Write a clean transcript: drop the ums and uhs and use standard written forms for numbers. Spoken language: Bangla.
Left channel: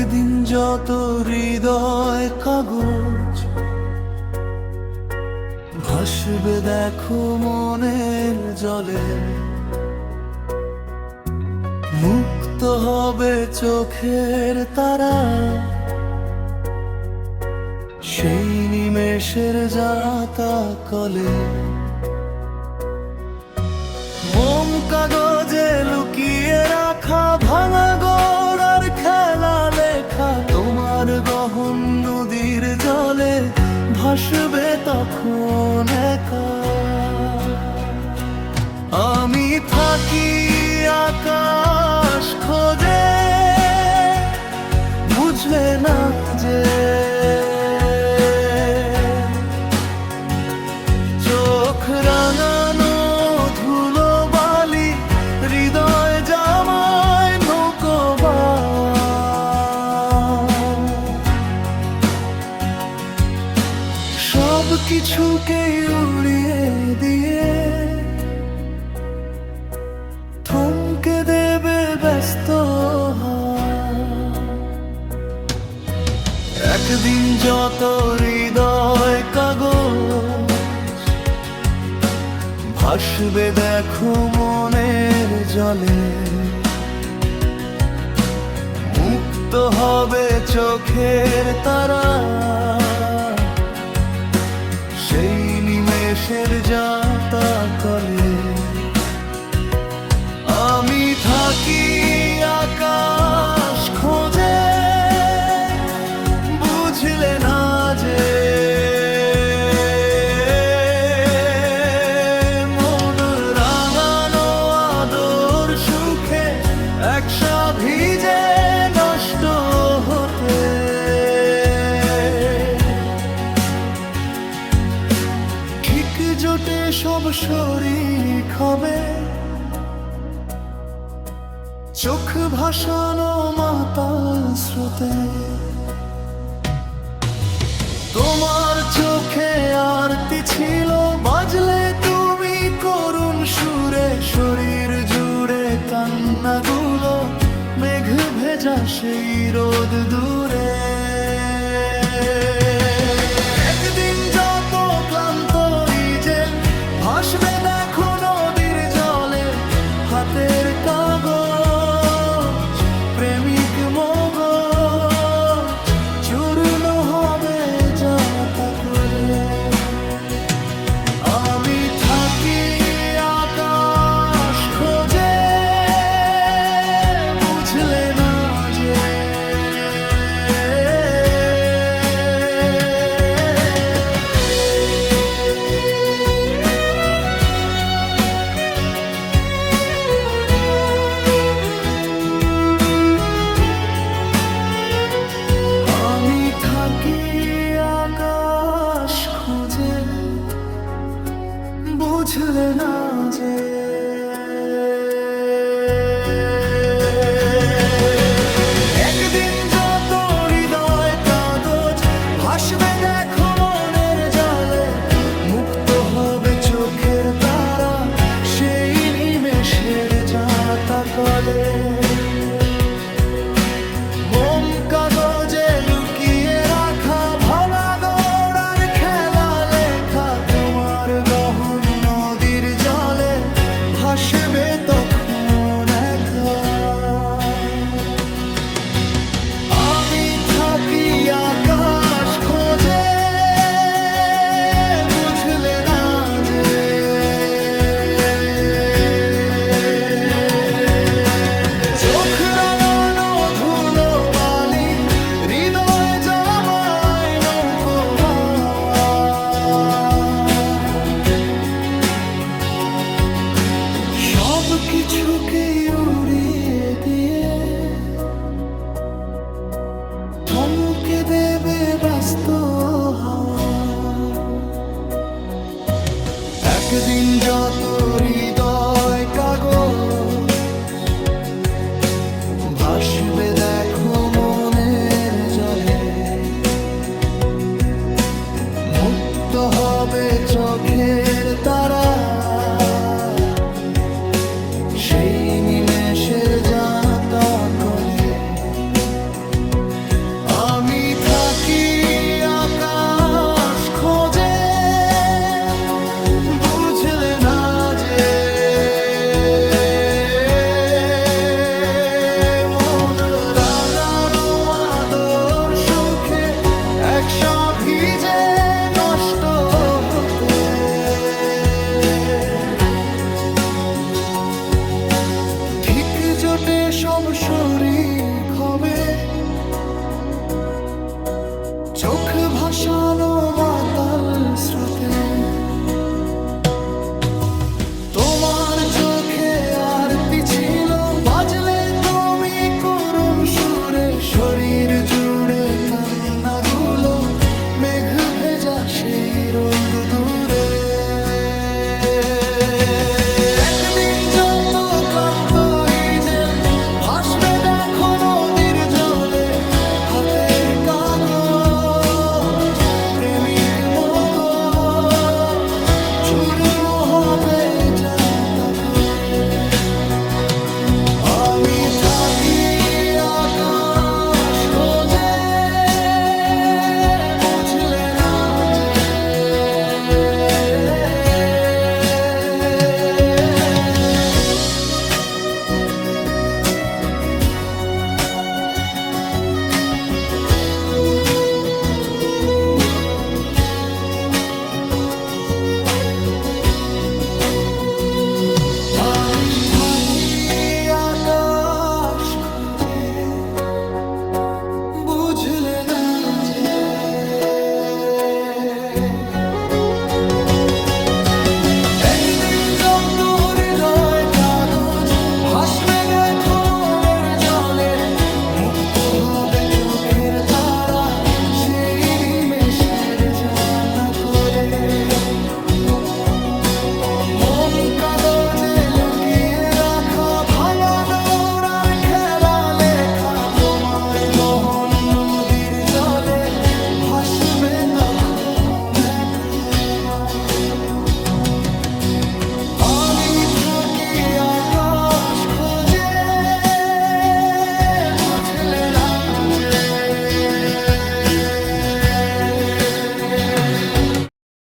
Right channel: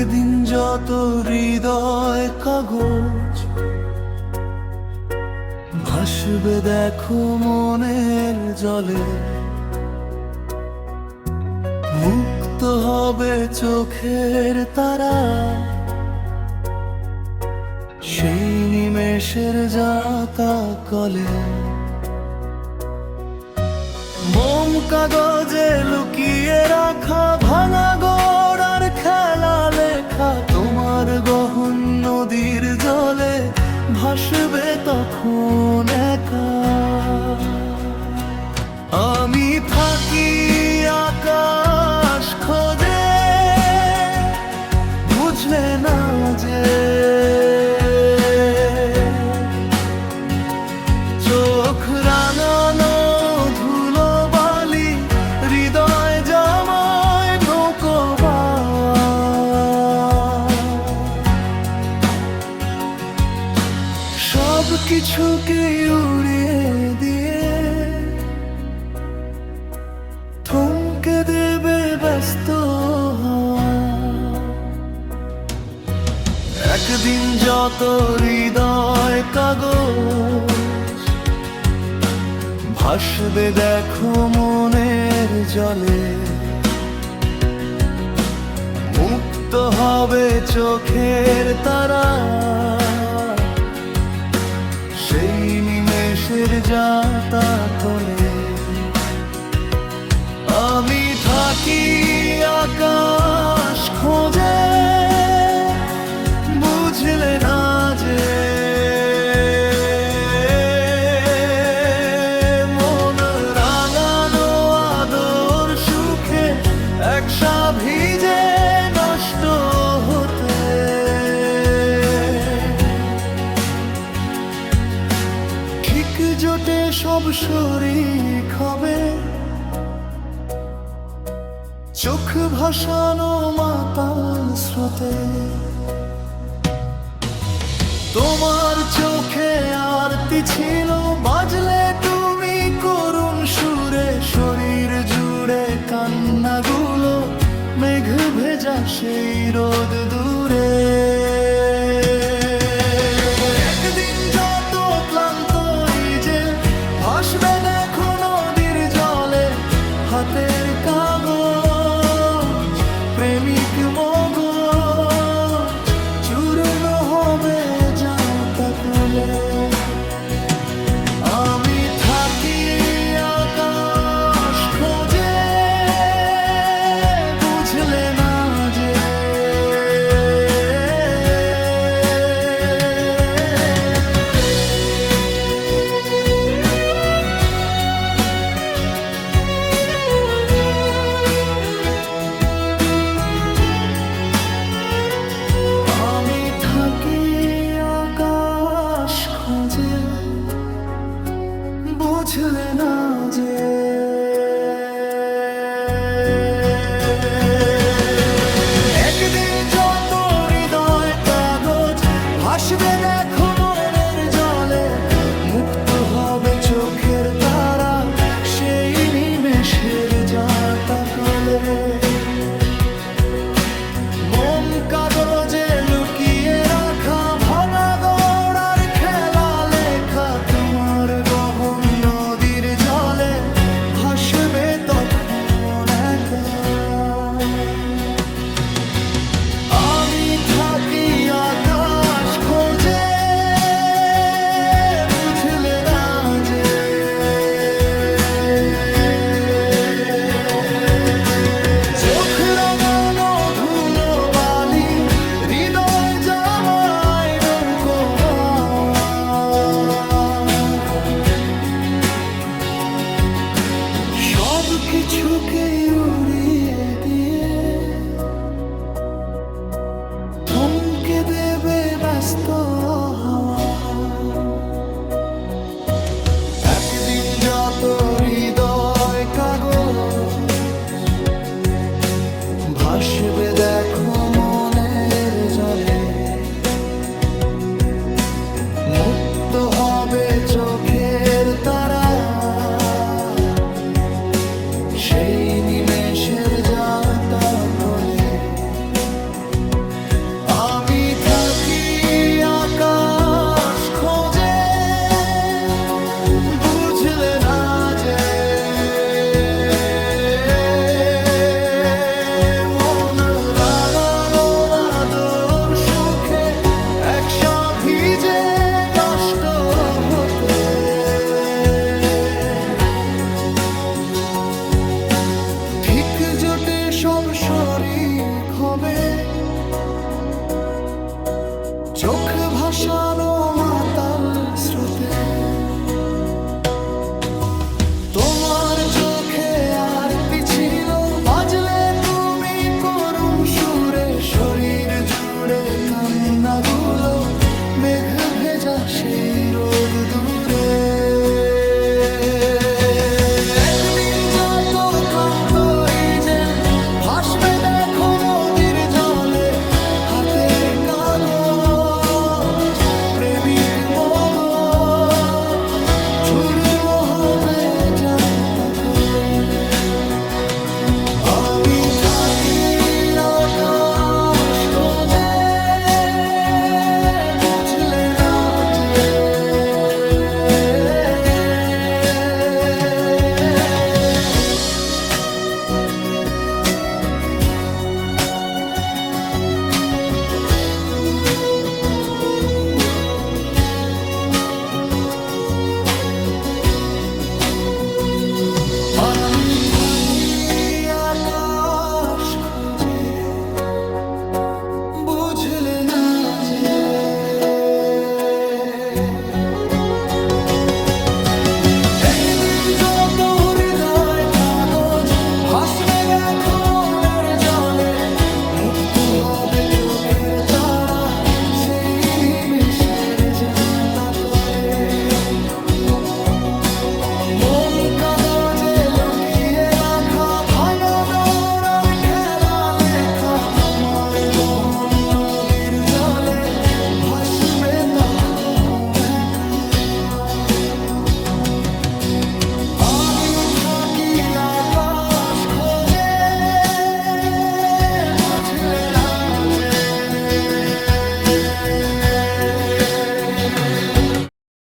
একদিন যত হৃদয় কাগজ ভাসবে দেখো মনের জলে, মুক্ত হবে চোখের তারা সেই নিমেষের যাতা কলে। মোম কাগজে লুকিয়ে রাখা ভাঙা গোড়ার খেলা লেখা তোমার গহন নদীর জলে ভাসবে তখন একা। আমি থাকি আকাশ খোঁজে, বুঝলে না যে চোখ রাঙানো ধুলো বালি হৃদয় জামায় নৌকো বাওয়া। সব কিছুকে উড়িয়ে দিয়ে থমকে দেবে ব্যস্ত হাওয়া। একদিন যত হৃদয় কাগজ ভাসবে দেখো মনের জলে, মুক্ত হবে চোখের তারা সেই নিমেষের যাতা কলে। আমি থাকি আকাশ খোঁজে, বুঝলে না যে মন রাঙানো আদর সুখে একসা ভিজে নষ্ট হতে। ঠিক জোটে সব শরীক হবে, চোখ ভাসানো মাতাল স্রোতে। তোমার চোখে আরতি ছিল, বাজলে তুমি করুণ সুরে। শরীর জুড়ে কান্নাগুলো মেঘ ভেজা সেই রোদ দূরে। একদিন যত ক্লান্ত ইজেল ভাসবে দেখো নদীর জলে, হাতের কাগজ প্রেমিক মগজ চূর্ণ হবে যাতা কুলে। আমি থাকি আকাশ খোঁজে, বুঝলে না যে থাকি আকাশ খোঁজে, বুঝলে না যে একদিন যত হৃদয় কাগজ ভাসবে দেখো মনের জলে, মুক্ত হবে চোখের তারা সেই নিমেষের যাতা কলে। মোম কাগজে লুকিয়ে রাখা ভাঙা গোড়ার খেলা লেখা তোমার গহন নদীর জলে ভাসবে তখন একা। আমি থাকি আকাশ খোঁজে, বুঝলে না যে হৃদয় জামায় নৌকো বাওয়া। সব কিছুকে উড়িয়ে দিয়ে থমকে দেবে ব্যস্ত হাওয়া। একদিন যত হৃদয় কাগজ ভাসবে দেখো মনের জলে, মুক্ত হবে চোখের তারা সেই নিমেষের যাতা কলে। আমি থাকি আকাশ খোঁজে, বুঝলে না যে মন রাঙানো আদর সুখে একসা ভিজে নষ্ট হতে। ঠিক জোটে সব শরীক হবে, চোখ ভাসানো মাতাল স্রোতে। তোমার চোখে আরতি ছিল, বাজলে তুমি করুণ সুরে। শরীর জুড়ে কান্নাগুলো, মেঘ ভেজা সেই রোদ দূরে। একদিন যত ক্লান্ত হিজেল ভাসবে দেখো নদীর জলে। হাতের কাগজ প্রেমিক মগজ চূর্ণ হবে যাতা কোলে। আমি থাকি আকাশ খোঁজে, বুঝলে না যে আমি থাকি আকাশ খুঁজে, বুঝলে না যে একদিন যত হৃদয় কাগজ ভাসবে দেখো মনের জলে। মুক্ত হবে চোখের তারা সেই নিমেষের যাতা কোলে। মোম কাগজে লুকিয়ে রাখা ভাঙা গড়ার খেলা লেখা। তোমার গহন নদীর জলে ভাসবে তখন একা। আমি থাকি আকাশ খোঁজে, বুঝলে না যে